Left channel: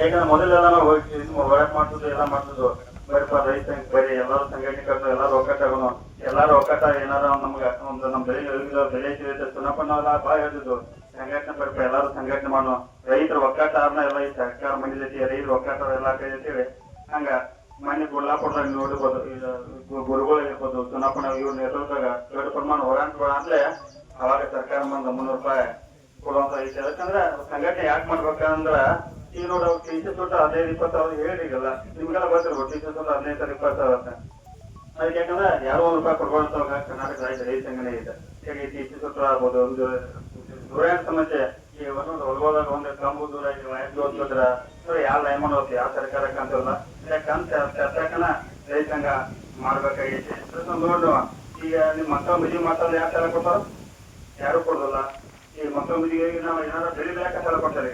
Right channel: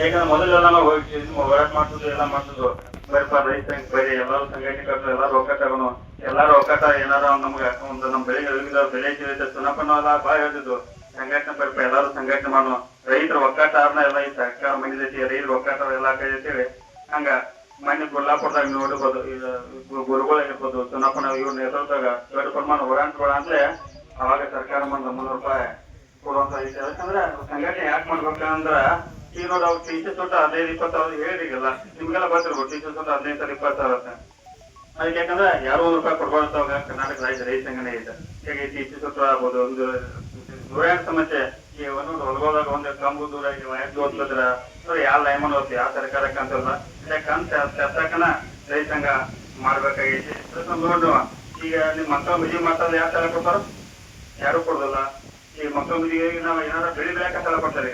ಯಾಕಂದ್ರೆ ಮೊದಲೆಲ್ಲ ನಾವು ಹೋಗಿ ಹೋರಾಟ ಮಾಡ್ತಿದ್ವಿ, ಎಲ್ಲ ಮಾಡ್ತಿದ್ವು. ಬರೀ ರೈತ ಬರೀ ಎಲ್ಲರೂ ಸಂಘಟನೆ ಕಟ್ಟು, ಎಲ್ಲಾರು ಒಕ್ಕಟ್ಟಾಗನು, ಎಲ್ಲಾರು ಒಕ್ಕಟ್ಟ ಏನಾರ ನಮ್ಗೆ ಒಂದು ನಮ್ಮ ಬೆಳೆ ಸುನಪ್ಪ ನಾವೆಲ್ಲ ಬಾಳ ಹೇಳ್ತಿದ್ವು, ಸಂಘಟನೆ ಬರ್ಪ ಎಲ್ಲಾರು ಸಂಘಟನೆ ಮಾಡೋಣ, ರೈತರ ಒಕ್ಕಟ್ಟಾರನ ಎಲ್ಲ ಈ ಸರ್ಕಾರ ಮಂದಿದೈತಿ, ರೈತರ ಒಕ್ಕಟ್ಟಾರ ಎಲ್ಲ ಕೈತೇಳಿ ಹಂಗ ಮನೆ ಕೊಲ್ಲಾಪುರದಾಗ ನೋಡಿರ್ಬೋದು. ಗುರುಗಳಿರ್ಬೋದು, ಸುನಪ್ಪನ ಇವ್ರ ನೇತೃತ್ವದಾಗ ದೊಡ್ಡ ಪ್ರಮಾಣ ಹೋರಾಟಗಳು ಅಂದ್ರೆ ಅವಾಗ ಸರ್ಕಾರ ಬಂದ ₹300 ಕೊಡುವಂತ ಐತಿ. ಯಾಕಂದ್ರೆ ಸಂಘಟನೆ ಯಾಕೆ ಮಾಡ್ಬೇಕಂದ್ರ ಈಗ ನೋಡಿ ಅವ್ರು ಟೀಚರ್ ತೊಟ್ಟ 15-20 ಹೇಳಿರಿಗಲ್ಲ, ನಿಮ್ಗೆಲ್ಲ ಗೊತ್ತಿರ್ಬೋದು ಟೀಚರ್ ತೊಟ್ಟ 15-20 ಅಂತ. ಅದಕ್ಕೆ ಯಾಕಂದ್ರೆ ಯಾರೋ ₹1 ಕೊಡ್ಬಾರ್ದು ಕರ್ನಾಟಕ ರಾಜ್ಯ ರೈತ ಸಂಘಟನೆ ಇದೆ. ಈಗ ಟೀಚರ್ ತೊಟ್ಟ ಆಗ್ಬೋದು, ಒಂದು ದೂರ ಸಮಸ್ಯೆ ಈ ಒಂದು ಹೊಲಗೋದಾಗ ಒಂದು ಕಂಬು ದೂರ ಓದ್ತಿದ್ರ ಯಾವ ಲೈಮನ್ ಓದ್ತಿ ಯಾವ ಸರ್ಕಾರಕ್ಕೆ ಅಂತಲ್ಲ, ಯಾಕಂತ ತರ್ತಕನ ರೈತ ಸಂಘ ಮಾಡ್ಬೇಕಾಗೈತಿ. ನೋಡು ಈಗ ನಿಮ್ ಮಕ್ಕಳ ಮದುವೆ ಮಾಡ್ತಾರೆ, ಯಾವ ಸಲ ಕೊಡ್ತಾರ? ಯಾರು ಕೊಡೋದಿಲ್ಲ. ಈ ಮಕ್ಕಳ ಮದುವೆಗೆ ನಾವು ಏನಾದ್ರು ಬೆಳೆ ಬೆಳೆಯಕ್ಕೆ ಸಾಲ ಕೊಡ್ತಾರೆ.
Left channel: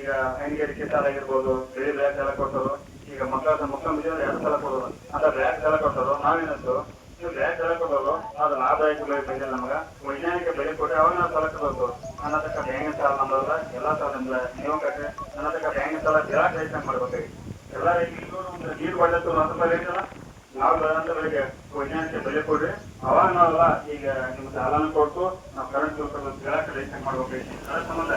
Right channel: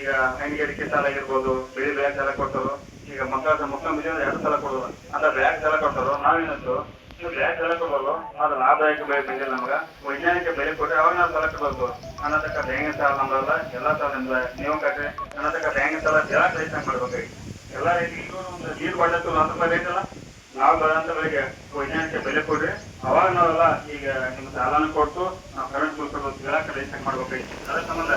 ಈಗ ಹೈನುಗಾರಿಕೆ ಸಾಲ ಆಗಿರ್ಬೋದು, ಬೆಳೆ ಬೆಳೆಯಕ್ಕೆ ಸಾಲ ಕೊಡ್ತಾರೋ. ಈಗ ಮಕ್ಕಳ ಮದುವೆ 2 ಸಲ ಕೊಡೋದು ಅಲ್ಲ, ಬ್ಯಾಗ್ ಸಾಲ ಕೊಡ್ತಾರೋ. ನಾವೇನಂತು ಬ್ಯಾಗ್ ಸಾಲ ಕೊಡೋದು ಅದು ಲಾಭದಾಯಕ ಬೆಳೆ ಬಂದಿಲ್ಲ ನಮ್ಗೆ, ವೈಜ್ಞಾನಿಕ ಬೆಳೆ ಕೊಟ್ಟರೆ ಅವಾಗ ನಾವು ಸಾಲ ಕೊಡಬೇಕು. ಅನ್ನತಕ್ಕ ಬ್ಯಾಂಕಿನ ಸಾಲ ನಮ್ದಲ್ಲ, ಎಲ್ಲ ಸಾಲದಿಂದ ನೀವು ಕಟ್ರಿ ಅನ್ನತಕ್ಕ ಬ್ಯಾಂಕಿನ ಸಾಲ ಎಲ್ಲ ರೈತ ಮಾಡ್ಬೇಕಾಗಿ ಎಲ್ಲ ರೈತರಿಗೂ ಒಂದು ನೀರು ಬಾಟತ್ತು ₹100 ಐತಲ್ಲ, ನಾವು ಬೆಳೆದಂತ ಬೆಳೆಗೆ ವೈಜ್ಞಾನಿಕ ಬೆಲೆ ಕೊಡ್ರಿ, ಅವಾಗ ನಾವೆಲ್ಲ ಈಗ ನಿಮ್ ಸಾಲನ ಕೊಟ್ಟು ನಾವು ಕರೆಂಟ್ ರೈತ ಮಾಡ್ಬೇಕಾಗಿ. ಅದ್ರ ಸಂಬಂಧ